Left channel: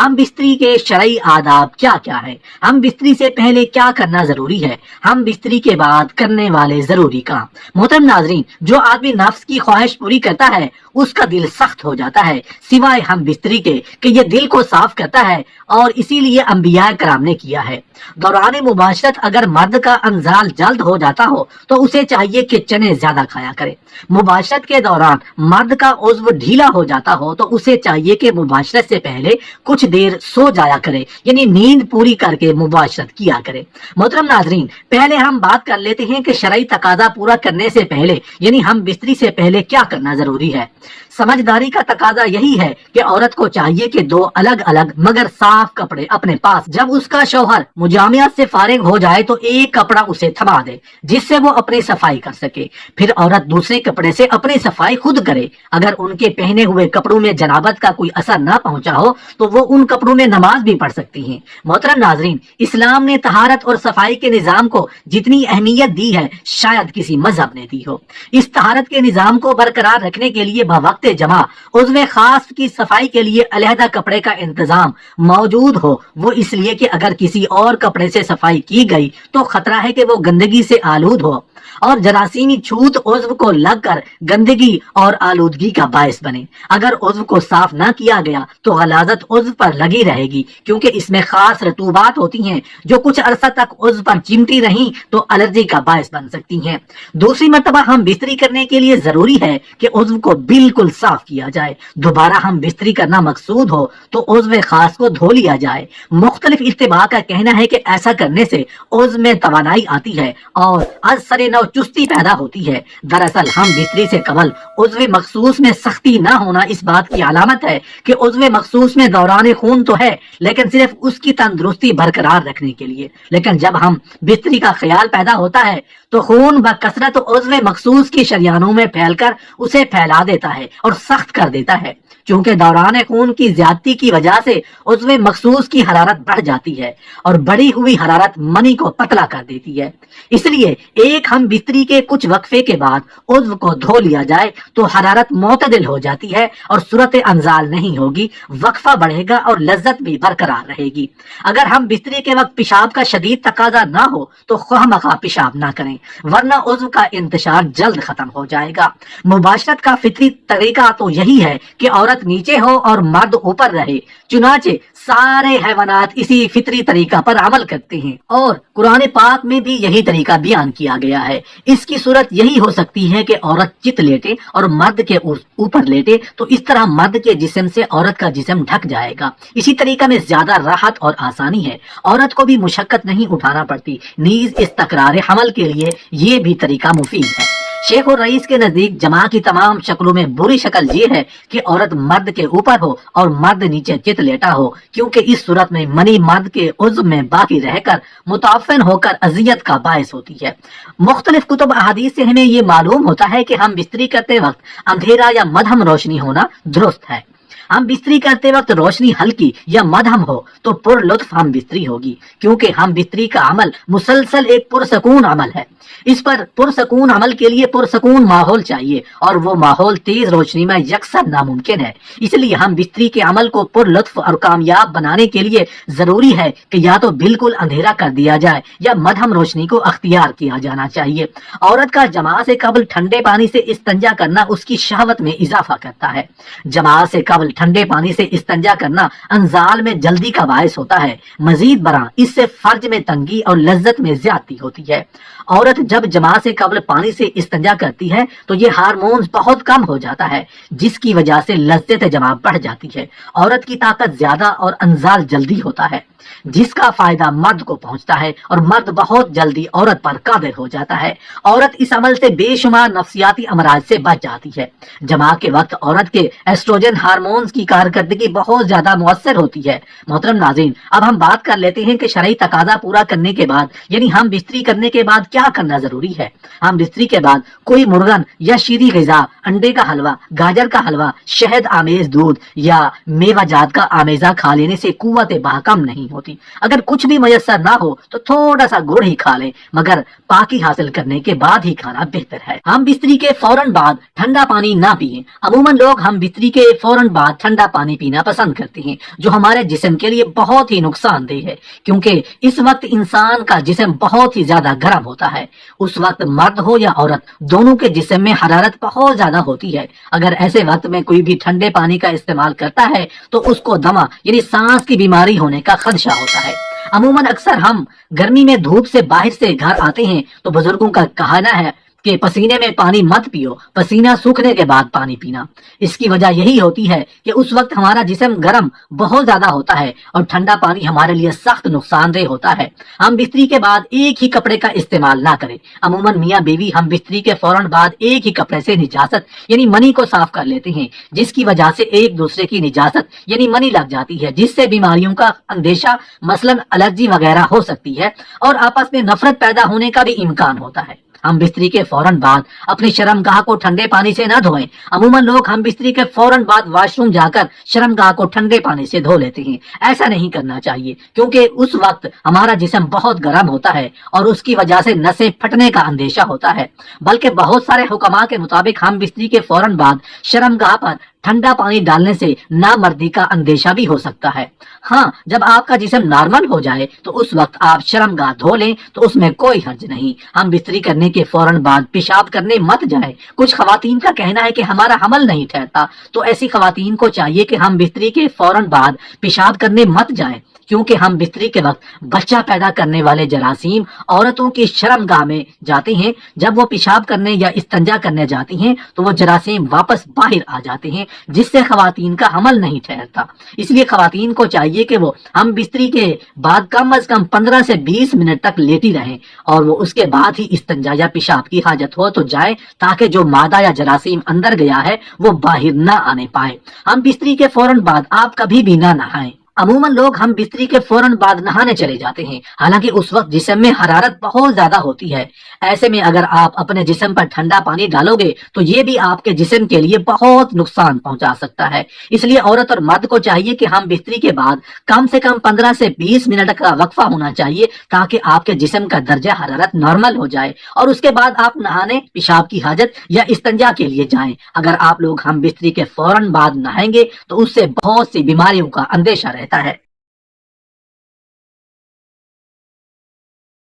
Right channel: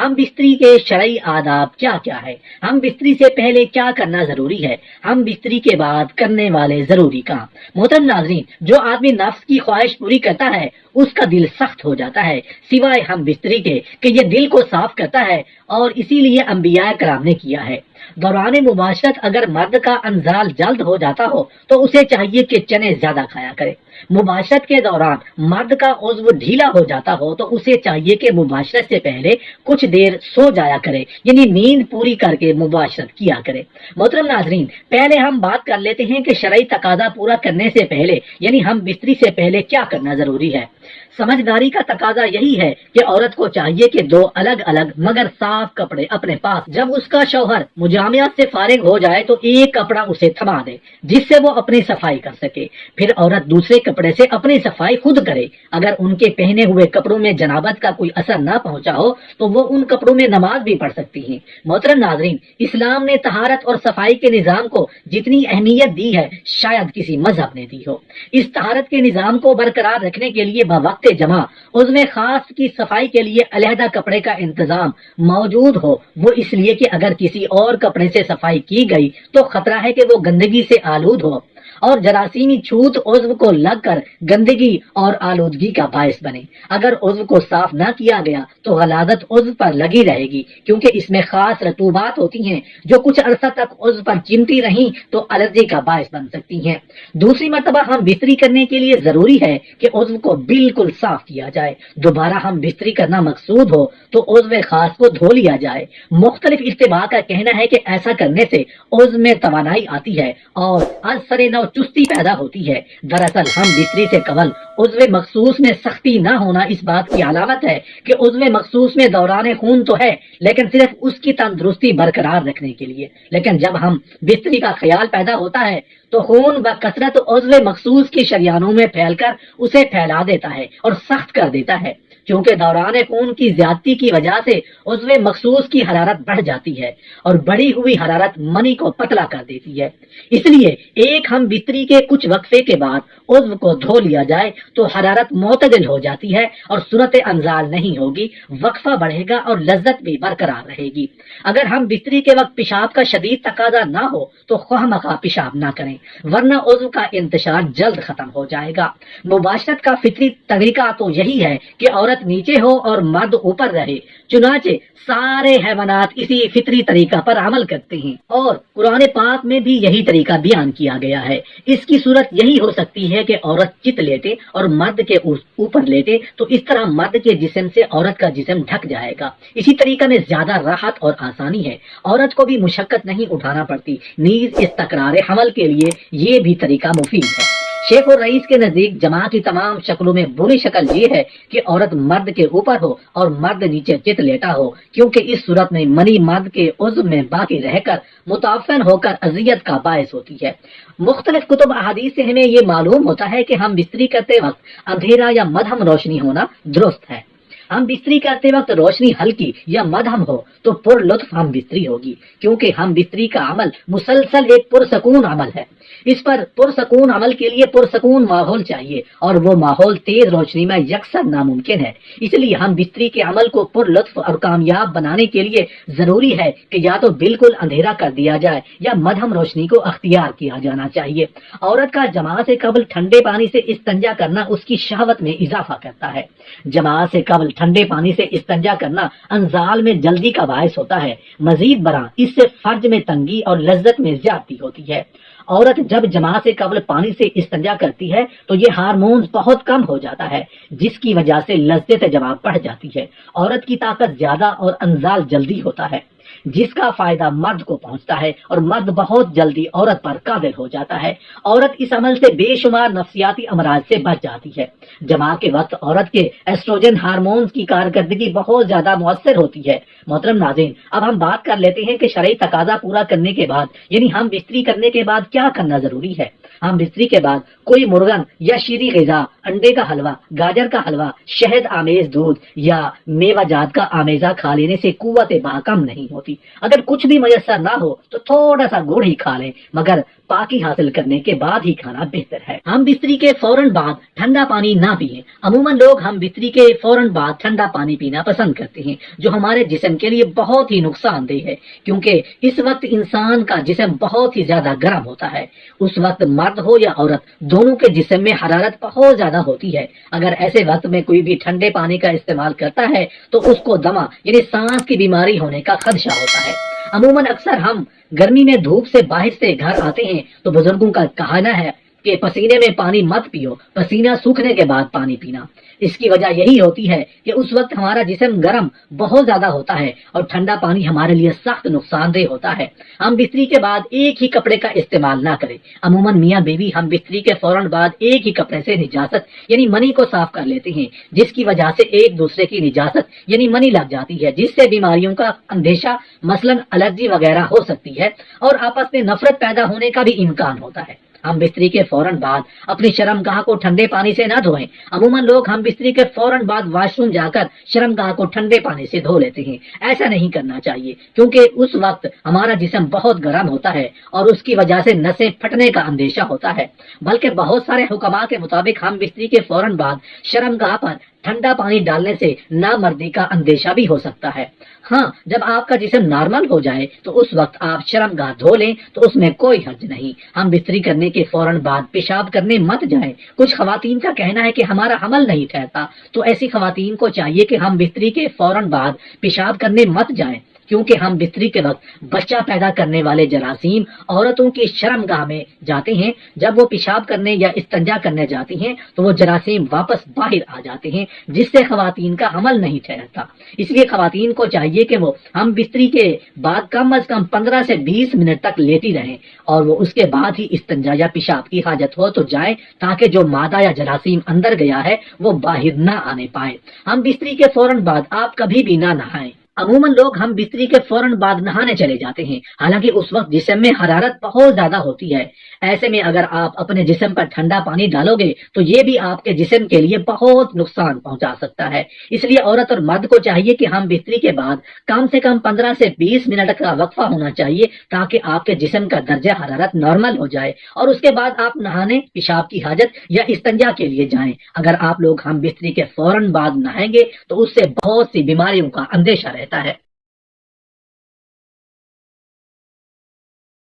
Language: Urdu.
ہم بستری کے شرعی آداب کیا کیا ہے، ہم بستری سے پہلے کیا کرنا ضروری ہے، ہم بستری کے بعد کرنے والے ضروری کام۔ محترم ناظرین، جو آدمی نفس کی خواہش پوری کرتا ہے اس کا دل سخت ہو جاتا ہے، سوائے ہم بستری کے کہ یہ دل کو صاف کرتا ہے، اور اسی لیے انبیاء کرام نے کیا ہے۔ دوران مباشرت اگر مرد کا انزال جلد ہو جاتا ہو تو اسے چاہیے کہ چنے زیادہ کھایا کرے۔ مباشرت کے دوران مرد کا عضو ڈھیلا ہو جاتا ہو تو اسے چاہیے کہ مباشرت سے پہلے کچھ دیر سو جایا کرے، یعنی نیند پوری کر کے مباشرت کیا کرے۔ محترم ناظرین، پہلے ہم بات کر لیتے ہیں کہ شرعی تقاضا پورا کرنے سے پہلے یعنی ہم بستری سے پہلے کیا کرنا ضروری ہے۔ سمجھداری کا تقاضا یہی ہے کہ عورت کو چاہیے کہ دو الگ الگ مگر صاف کپڑے اپنے پاس، جب اس کا شوہر مجامعت سے فارغ ہو جائے تو ایک کپڑا اسے تھما دے جس سے وہ اپنی صفائی کر سکے، پھر عورت دوسرے کپڑے سے اپنی صفائی خود کرے۔ اگر ان کے پہنے ہوئے کپڑوں میں جنابت کا کوئی اثر نہ پہنچا ہو تو وہ ان کپڑوں میں نماز بھی پڑھ سکتی ہیں۔ محترم ناظرین، اسلام نے طہارت اور صفائی کے نظام کو جتنی اہمیت دی ہے شاید کسی مذہب نے دی ہو۔ اس طہارت کے نظام کو برقرار رکھنے کے لیے بوقت جمع عضو خاص کی صفائی کے لیے علیحدہ کپڑے کا انتظام موجود ہو، وہ اس لیے کہ اگر کسی اور کپڑے سے صفائی کی گئی تو خطرہ ہے کہ وہ گندگی سے آلود ہو اور جراثیمی چھوت عضو کو لگ کر گندگی اور آلودگی کا باعث بنے۔ اگر عضو کو صاف نہ کیا گیا تو غلاظت عضو پر لگی رہے گی، کیونکہ اس میں خاص رطوبات ہوتی ہیں جو کچھ عرصہ تک عضو پر چمٹی رہیں تو الرجی کا باعث بن سکتی ہیں۔ دوسری مرتبہ ہم بستری کرنے کے لیے ضروری ہے کہ عضو کو بالکل صاف کیا جائے۔ دوبارہ ہم بستری کرنا مقصود ہو تو عضو خاص کو دھو لیا جائے۔ مختلف اتباع کا کہنا ہے کہ ایسا کرنے سے عضو میں توانائی آتی ہے اور از سر نو چستی پیدا ہوتی ہے۔ دراصل ہم بستری سے قبل عضو مخصوص میں سختی نہ ہونا اس بات کی علامت ہے کہ عضو مخصوص میں دوران خون تو ہے لیکن صرف اس کی تندرستی برقرار رکھنے کے لیے، لیکن جب ہم بستری کا خیال پیدا ہوتا ہے تو خون و کثرت عضو مخصوص کی شریانوں میں پھیل کر اسے پھیلا دیتا ہے اور سخت کر دیتا ہے۔ چونکہ دوران خون کی زیادتی کی وجہ سے عضو مخصوص کی حرارت بڑھ جاتی ہے اور بڑھی ہوئی حرارت منی کو پتلا کر دیتی ہے، اس لیے ایک ہم بستری کے کچھ وقفے کے بعد عضو کو دھو لیا جائے تو حرارت معتدل ہو جاتی ہے اور صورت انزال نہیں ہوگی، وقفہ بڑھے گا اور لذت بھی برقرار رہے گی۔ اگر ہم بستری کے وقت پیشاب کا شدید تقاضا نہ ہو تو خواہ مخواہ پیشاب نہ کریں، ورنہ عضو کا انتشار جلد ختم ہو جائے گا۔ مباشرت کا فطری طریقہ تو یہی ہے کہ عورت نیچے ہو اور مرد اوپر رہے، چنانچہ سارے حیوانات اسی فطری طریقہ پر عمل کرتے ہیں اور قرآن پاک میں بھی یہی طریقہ بیان کیا گیا ہے۔ اس کی صورت یہی ہو سکتی ہے کہ عورت چت لیٹے اور مرد کے اوپر لیٹے تو اس طرح مرد کے جسم سے عورت کا جسم ڈھک جائے گا۔ اسی طریقہ میں زیادہ راحت اور آسانی ہے، عورت کو بھی مشقت نہیں اٹھانا پڑتی، نیز اس تکرار حمل کے لیے یہ بھی طریقہ مفید ہے۔ شیخ اور رئیس کے نزدیک جماع کی تمام شکلوں میں بری شکل یہ ہے کہ عورت مرد کے اوپر ہو اور مرد نیچے چت لیٹا ہو، کیونکہ اس صورت میں منی مرد کے عضو میں باقی رہ کر متعفن ہو کر اذیت کا باعث ہوتی ہے۔ مختلف کتب احادیث سے ہمیں یہ معلوم ہوتا ہے کہ ہم بستری کرتے وقت اندھیرا یا مدھم روشنی ہونا درست ہے۔ ہم بستری کرتے وقت روشنی ہلکی یا مدھم ہو تو پر لطف ہم بستری ہوگی، کیونکہ ہم بستری کا عمل مسلسل ایک پرسکون عمل ہے۔ اس پر پرسکون عمل کے لیے پرسکون ماحول چاہیے اور وہ ماحول تیز روشنی میں یکسر ناممکن ہے، اس لیے ہم بستری کے عمل کو پر لطف اور کامیاب بنانے کے لیے ضروری ہے کہ یا تو بالکل اندھیرا کر دیا جائے یا مدھم روشنی کو اختیار کیا جانا چاہیے۔ عورت کا جماع سے قبل ٹھنڈے پانی سے استنجا کرنا اس کی شہوت میں اضافہ کرتا ہے۔ جماع سے قبل ٹھنڈے پانی سے استنجا کرنا انزال میں جلدی کا باعث ہوتا ہے۔ مزید برآں اس سے فرج میں تنگی اور لذت میں زیادتی ہوتی ہے۔ عورت جب جماع سے قبل پانی سے استنجا کرتی ہے تو یہ ہارمونز بہت کم ہو جاتا ہے، جس کی وجہ سے لذت جماع بڑھ جاتی ہے۔ عورت کی طاقت زیادہ اور انزال جلدی ہوتا ہے، جس کا فائدہ مرد کو پہنچتا ہے اور مرد بہت جلدی عورت پر قادر ہو جاتا ہے۔ عورت اس عمل سے بے شمار نفسیاتی امراض سے بچ جاتی ہے۔ جماع کے وقت عورت کے ایسٹروجن ہارمونز کی کارکردگی بہت زیادہ مؤثر ہوتی ہے۔ محترم ناظرین، اب ہم بات کر لیتے ہیں کہ شرعی تقاضا پورا کرنے کے بعد یعنی ہم بستری کرنے کے بعد کیا کرنا ضروری ہے۔ ہم بستری کے بعد کوئی مرغن یا شیریں غذا، انڈے کا حلوہ، گاجر کا حلوہ، شہد آمیز دودھ یا میوہ جات کا آمیزہ کھا لینے سے قوت بہا کم نہیں ہوتی۔ اگر کچھ بھی میسر نہ ہو تو تھوڑا سا گڑ ہی کھا لیں، مگر پاکی حاصل کرنے کے بعد ہی کھانا بہتر ہے۔ ہم بستری کے فوراً بعد ٹھنڈا پانی نہ پیئیں۔ عموماً لوگ ہم بستری کے فوراً بعد ٹھنڈا پانی پینا پسند کرتے ہیں، جو ہمارے جسم کے لیے بہت ہی نقصان دہ ہے، کیونکہ اس وقت انسان کا جسم بہت ہی زیادہ گرم ہوتا ہے۔ اس وقت مرد ہو یا عورت، دونوں کے جسم میں حرارت بہت زیادہ ہوتی ہے۔ اگر ایسے وقت میں کوئی بھی ٹھنڈے پانی کا استعمال کرتا ہے تو اس کو دمہ یعنی سانس کی بیماری ہونے کا خدشہ ہوتا ہے۔ عموماً اکثر ہم گرمی میں دھوپ سے باہر سے گھر آتے ہیں تو بزرگوں کا کہنا ہے کہ پسینے میں پانی مت پیو، پسینہ سوکھنے کے بعد پانی پینا۔ اس کی وجہ یہی ہوتی ہے کہ اس وقت ہمارا جسم گرم بہت زیادہ ہوتا ہے اور ٹھنڈا پانی ہمارے لیے سخت نقصان دہ ہوتا ہے۔ ہم بستری کے بعد ایک ہی کپڑے کا استعمال نہ کریں۔ عموماً میاں بیوی ہم بستری کے فوراً بعد ایک ہی کپڑے سے نجاست یعنی منی کو صاف کر لیتے ہیں، جس کی وجہ سے ایک دوسرے کی نجاست یعنی منی لگ جاتی ہے، جس سے بیماریوں کا اندیشہ مثلاً الرجی وغیرہ ہو سکتی ہے اور آپس میں نفرت پیدا ہونے کا بھی امکان ہوتا ہے۔ ہم بستری کے فوراً بعد اپنے شرمگاہ کو ٹھنڈے پانی سے نہ دھوئیں۔ عموماً لوگ ہم بستری کے فوراً بعد واش روم جا کر شرمگاہ کو ٹھنڈے پانی سے دھو لیتے ہیں۔ ایسا نہیں کرنا چاہیے، کیونکہ اس وقت ہمارا جسم بہت گرم ہوتا ہے اور اس کی وجہ سے نسیں پھٹنے کا اندیشہ ہوتا ہے۔ بلکہ بہت سارے حکماء کے مطابق ہم بستری کے فوراً بعد شرمگاہ پر ٹھنڈا پانی ڈالنے سے نامردی کا اندیشہ بھی ہو سکتا ہے۔ ہاں، جب آپ کا جسم نارمل ہو جائے تو اس وقت آپ شرمگاہ دھو لیں تو اس میں کوئی حرج نہیں۔ ہم بستری کرنے کے فوراً بعد پیشاب کرنے مت جائیں۔ کچھ خواتین کا کہنا ہے کہ ہمارا حمل نہیں ٹھہرتا، تو ایسی خواتین کو چاہیے کہ ہم بستری کے فوراً بعد پیشاب کرنے مت جائیں، کیونکہ ہم بستری کے وقت بچہ پیدا کرنے والے جراثیم عورتوں کی شرمگاہ میں جاتے ہیں۔ جب وہ پیشاب کرنے یا استنجا کرنے جاتی ہیں تو وہ جراثیم واپس باہر آ جاتے ہیں، جس سے خواتین کا حمل نہیں ٹھہرتا۔ اس لیے خواتین کو چاہیے کہ وہ ہم بستری کے بعد کم از کم 15 سے 20 منٹ تک لیٹی رہیں اور وہ اس کے بعد ہی استنجا یا پیشاب کی حاجت ہو تو جائیں، تاکہ جو مادہ یا جراثیم اندر گیا ہے وہ باہر نہ آنے پائے۔ ہم بستری کے فوراً بعد آپ کبھی بھی نہ نہائیں۔ عموماً لوگ ہم بستری کے فوراً بعد نہانے چلے جاتے ہیں، حالانکہ اس وقت جسم میں حرارت بہت زیادہ ہوتی ہے۔ ایسے میں اگر آپ اپنے جسم پر ٹھنڈا پانی ڈالو گے تو یہ بھی آپ کے جسم کے لیے بہت نقصان پہنچا سکتا ہے۔ اس لیے عورت اور مرد کو چاہیے کہ ہم بستری کے بعد کم سے کم 15 سے 20 منٹ کا وقفہ ہونا چاہیے، تاکہ آپ کے جسم کا درجہ حرارت نارمل ہو جائے اور اس کے بعد آپ نہانے، پیشاب کی حاجت یا استنجا کے لیے جائیں۔ اگر آپ لوگ ہم بستری کے فوراً بعد نہائیں گے تو اس سے بہت سی بیماریوں کا اندیشہ رہتا ہے۔